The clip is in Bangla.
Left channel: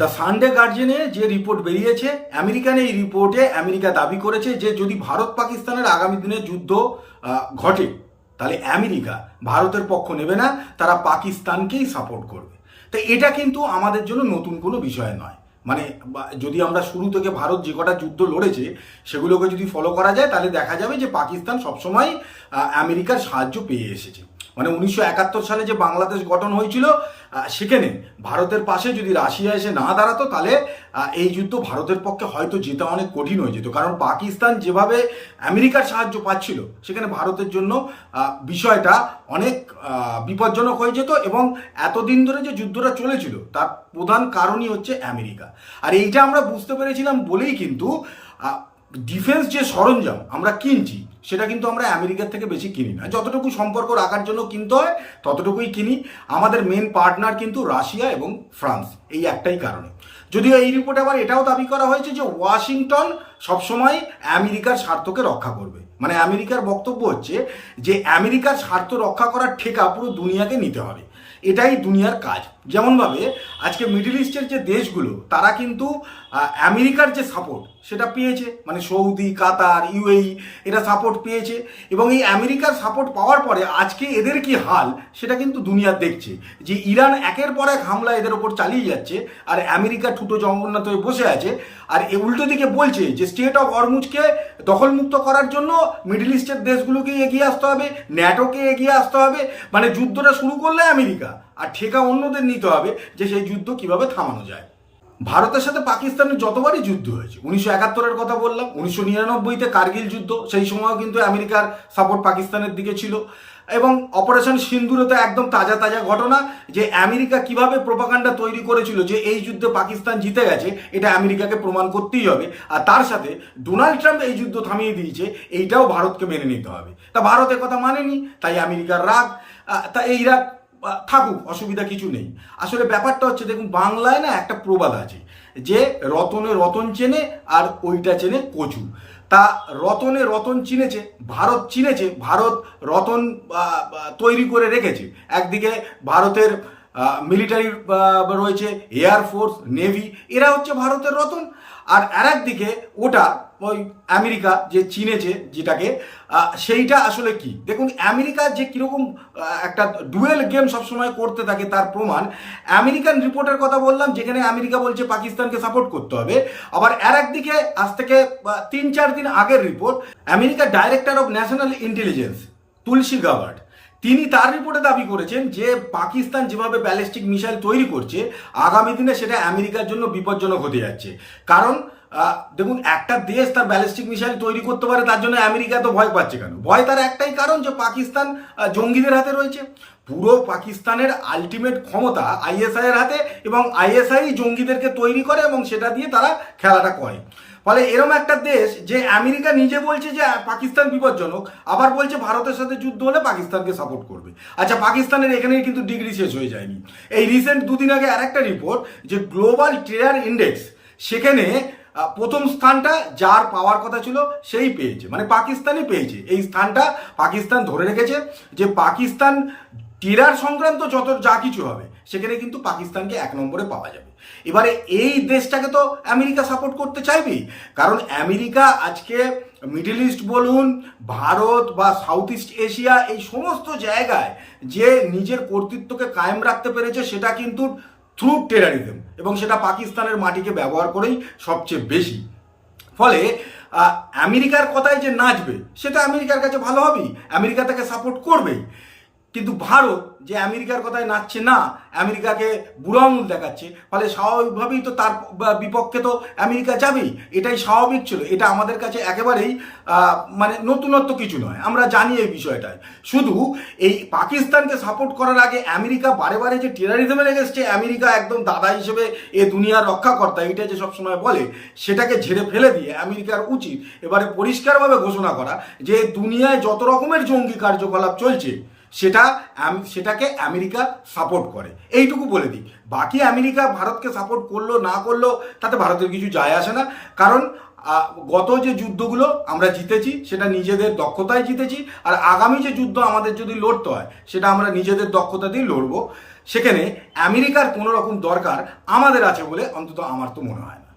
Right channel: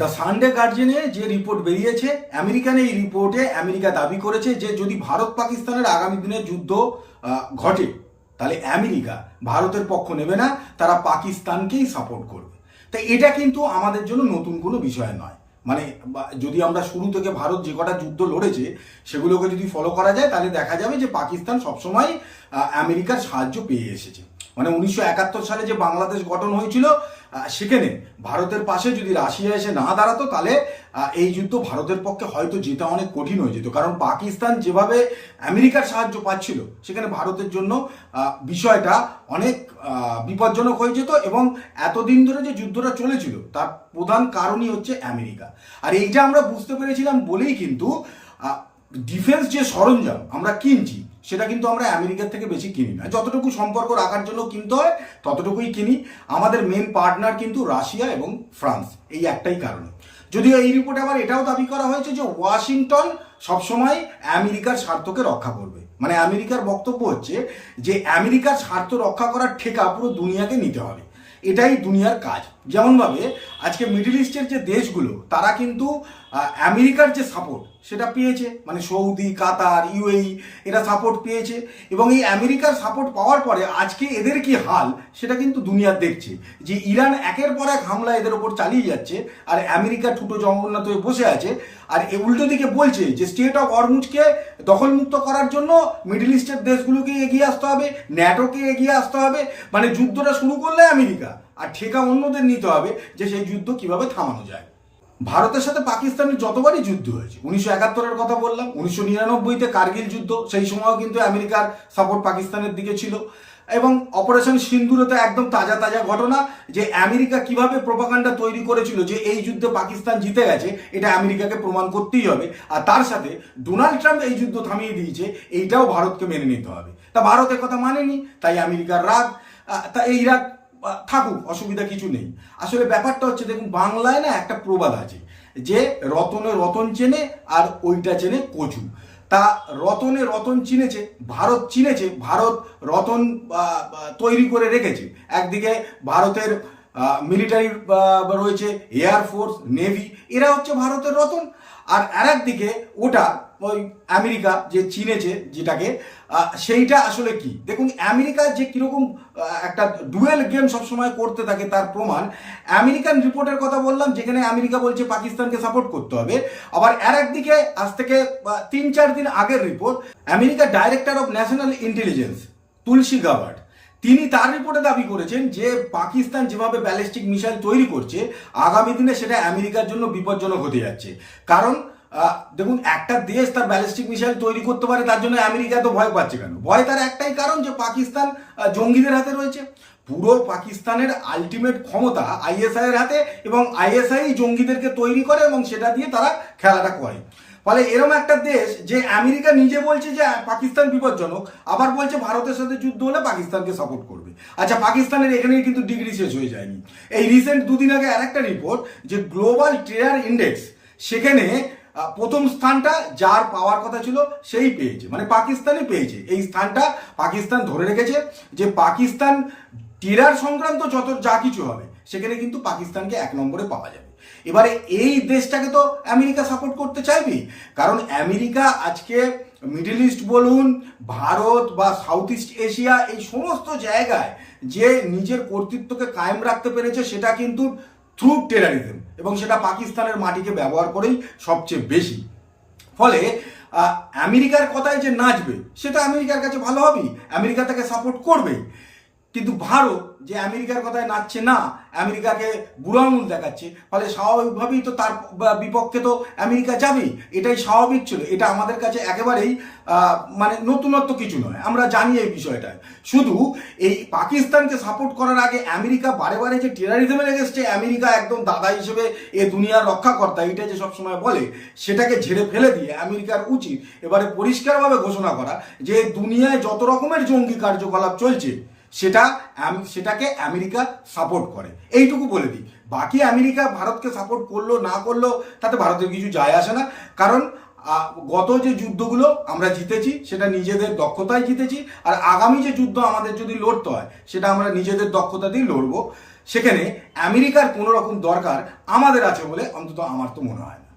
দ্য সানডে গার্জিয়ানে যে রিপোর্ট বেরিয়েছে, আমেরিকান এই রিপোর্টে আমেরিকা দাবি করেছে যে যদি ভারত পাকিস্তানের আগামী দিনে যুদ্ধ ঘটে তাহলে আমেরিকা ভারতের পক্ষ নেবে না, তারা পাকিস্তানকেই সাপোর্ট করবে। তো এটা কিন্তু আমাদের জন্য নতুন কোনো বিষয় নয়। মানে যদি আমরা শুরু থেকে ভারত যে কটা যুদ্ধ লড়েছে সেগুলোকে যদি ফলো করা যায় তাহলে দেখা যাবে যে পাকিস্তান সবসময় আমেরিকার সাহায্য পেয়ে এসেছে। মানে 1971 সালে যে বাংলাদেশ গঠন হয়েছিল সেখানে ভারতের পাশে যদি রাশিয়া এসে না দাঁড়াতো তাহলে এই যুদ্ধ ভারতের পক্ষে হয়তো জেতা অনেক কঠিন হয়ে যেত। কারণ পাকিস্তান যেভাবে আমেরিকার সাহায্য পাচ্ছিল সেখানে ভারতের জন্য বিষয়টা অনেক বিপজ্জনক হয়ে যেত। এবং এতদিন ধরে যে যুদ্ধটা চলেছিল তার প্রধান কারণই হচ্ছে আমেরিকা। আর এইটা আমরা বুঝতে পেরেছিলাম বলেই কিন্তু ডিফেন্স যে সরঞ্জাম আমরা কিনছি সেটা কিন্তু আমরা আমেরিকার থেকে বেশি কিনি না। যতটুকু সম্পর্ক রাখার জন্য কিনতে হয় ততটুকুই কিনি। আমাদের মেন পার্টনার কিন্তু রাশিয়া এবং ফ্রান্স, এই একটাই কারণে। যদিও এই রিপোর্টে আবার এটাও দাবি করা হয়েছে যে ওয়াশিংটন সবসময় আমেরিকার স্বার্থকে রক্ষা করবে। মানে আমেরিকার বক্তব্য হচ্ছে যে আমেরিকার স্বার্থ রক্ষা করার ঠেকা পুরো দুনিয়াকে নিতে হবে, এটাই দুনিয়ার কাজ। যেমনভাবে আজকে মিডল ইস্টের যে দেশগুলো তারা কিন্তু আমেরিকার যে সাপোর্ট সেটা পেয়েছে, মানে সৌদি, কাতার, ইউএই এরা সাপোর্ট পেয়েছে। এবং এই আমেরিকার সাপোর্ট পাওয়ার পরে আজকে এদের কি হাল সেটা কিন্তু দুনিয়া দেখছে, যে ইরান একের পর এক হামলা এদের ওপর চালিয়ে যাচ্ছে আর আমেরিকা ঠুটো জগন্নাথ হয়ে বসে আছে। আর উল্টো দিকে বলছে যে স্টেট অফ হরমুজকে দখলমুক্ত করার জন্য মিডল ইস্টের দেশগুলোকে এগিয়ে আসতে হবে, ন্যাটোকে এগিয়ে আসতে হবে। মানে যুদ্ধটা শুরু করলে আমেরিকা, আর ঠেকা অন্যদের নিতে হবে যে সেই যুদ্ধ কিভাবে থামানো যায়। ভারতের সাথে পাকিস্তানের যতবারই যুদ্ধ হয়েছে, 1971-এর কথা বললাম, 1999-তে কার্গিল যুদ্ধ, সেই সময়ও কিন্তু আমেরিকার সাপোর্ট পাকিস্তানের দিকে ছিল। এবং অপারেশন সিন্দুরে তো একদম তাজা তাজা ঘটনা যে আমেরিকা কিভাবে প্রোপাগান্ডা তৈরি করেছিল যে এই যুদ্ধে পাকিস্তান জিতে গেছে, এটা আমেরিকাকে প্রমাণ করতেই হবে। আর তার সাথে ডোনাল্ড ট্রাম্প এই যুদ্ধ থামিয়ে দিয়েছে, এইটাও ভারতকে মেনে নিতে হবে। তা ভারত কথা মানেনি, তাই আমেরিকার রাগ। তা এই রাগ থাকুক, অসুবিধা কিছু নেই। আসলে ব্যাপারটা হচ্ছে, দেখুন বাংলায় না একটা প্রবাদ আছে যে রতনে রতন চেনে আর ওইটা চেনে কচু। তা রতনে রতন চিনেছে, ভারত চিনেছে, ভারত রতন তৈরি করে রেখেছে। একদিকে ভারতের মিলিটারি রয়েছে, এয়ারফোর্স, নেভি, এরা হচ্ছে ভারতের রতন। আর একদিকে ওটা ওই আমেরিকা যে চিনেছে যেটাকে, সেইটা আসলে কি। দেখুন আমেরিকা যে কীরকম একটা ডুয়েল গেম সবসময় করতে থাকে তার প্রমাণ আমেরিকান রিপোর্টের কথা বললাম, যেখানে আমেরিকা বলছে পাকিস্তানকে সাপোর্ট করতে হবে। আবার একদিকে আজ থেকে 3-4 দিন আগের রিপোর্ট, আমেরিকার director of national intelligence Tulsi Gabbard, তিনি তার রিপোর্টে দাবি করেছেন যে পাকিস্তান যেভাবে ব্যালিস্টিক মিসাইল তৈরি করছে আগামী দিনে সেটা আমেরিকার জন্য বিপজ্জনক হতে যাচ্ছে। কারণ দেখুন একটা দেশ তার ব্যালিস্টিক মিসাইল তৈরি করতে পারে, তার জন্য আমেরিকা তো ভয় পাচ্ছে কেন? ভয় তার একটাই কারণ যে পাকিস্তান জঙ্গিদের হাতে রয়েছে। পুরো পাকিস্তানের আলটিমেট ক্ষমতা আইএসআই এর হাতে, এবং আইএসআই জঙ্গিদেরকে তৈরি করে এবং সেটা দিয়ে তারা খেলাটা করে। ফলে এরম একটা দেশ যে আমেরিকা নিজে বলছে যে পাকিস্তান বিপজ্জনক, আবার বলছে ভারতের সাথে যুদ্ধ হলে পাকিস্তানকে সাপোর্ট করবে। আচ্ছা, পাকিস্তানের এখানেই কিন্তু ডিগ্রি শেষ হয়ে যায়নি। এই রিসেন্ট 2 দিন আগে আরেকটা রিপোর্ট যে গ্লোবাল টেরার ইন্ডেক্স, সেখানে প্রথম স্থানটা যার পাওয়ার কথা ছিল সেই পেয়েছে, মানে পাকিস্তানই পেয়েছে। এই স্থানটা পাকিস্তান ধরে রেখেছে যে পাকিস্তান টেরার সংক্রান্ত যত যা কিছু হবে সেখানে কিন্তু পাকিস্তানকে 1 নম্বরে পাওয়া যাবে। এবারে এই দেশটাকে তো আমেরিকা সাপোর্ট করতে চাইবেই, কারণ আমেরিকা আজকে মিডল ইস্ট বলুন, ভারত বা সাউথ ইস্ট এশিয়া, এই সমস্ত জায়গায় যে নিজের কর্তৃত্বকে কায়েম রাখতে পেরেছে সেটা কিন্তু থ্রু টেরারিজম, এবং সেটা পাকিস্তানের মাটিকে ব্যবহার করেই সবচেয়ে বেশি। ফলে আমেরিকার কথায় যে নাচবে সেটা আমেরিকার কাছে ভালো হবেই, আমেরিকা তাকে সাপোর্ট করবেই। কিন্তু ভারত যে আমেরিকার কথায় নাচছে না, আমেরিকাকে বুড়ো আঙুল দেখাচ্ছে, ফলে স্বাভাবিকভাবেই তো তার বিপক্ষে তো আমেরিকা যাবেই। এটাই স্বাভাবিক ছিল, এটা আমাদের কাছে একেবারেই মানে নতুনত্ব কিছু নয়, আমরা জানি এই বিষয়টায়। শুধু এই পাকিস্তানকে সাপোর্ট করার আগে আমেরিকা বারে বারে যে টেরারিজমের এগেন্স্টে আমেরিকা একদম দাদা হিসেবে এ দুনিয়ার রক্ষাকর্তা, এইটা যে সবসময় বলে, সেটাকে ঝেড়ে ফেলে দিয়ে আমেরিকার উচিত এবারে পরিষ্কারভাবে ঘোষণা করা যে দুনিয়ায় যত রকমের জঙ্গি কার্যকলাপ চলছে সেটাকে আমেরিকা সাপোর্ট করে, এইটুকু বলে দিই। বাকি আমেরিকা ভারতকে সাপোর্ট করলো না করলো তাতে ভারতের কিছু যায় আসে না, কারণ গত যে যুদ্ধগুলো আমরা জিতেছি সেটা নিজেদের দক্ষতায় জিতেছি। আর আগামী যে যুদ্ধ আমাদের যদি লড়তে হয় সেটা আমরা নিজেদের দক্ষতা দিয়ে লড়বো। সেখানে আমেরিকার কোনো রকম দরকার আমাদের আছে বলে অন্তত আমার তো মনে হয় না।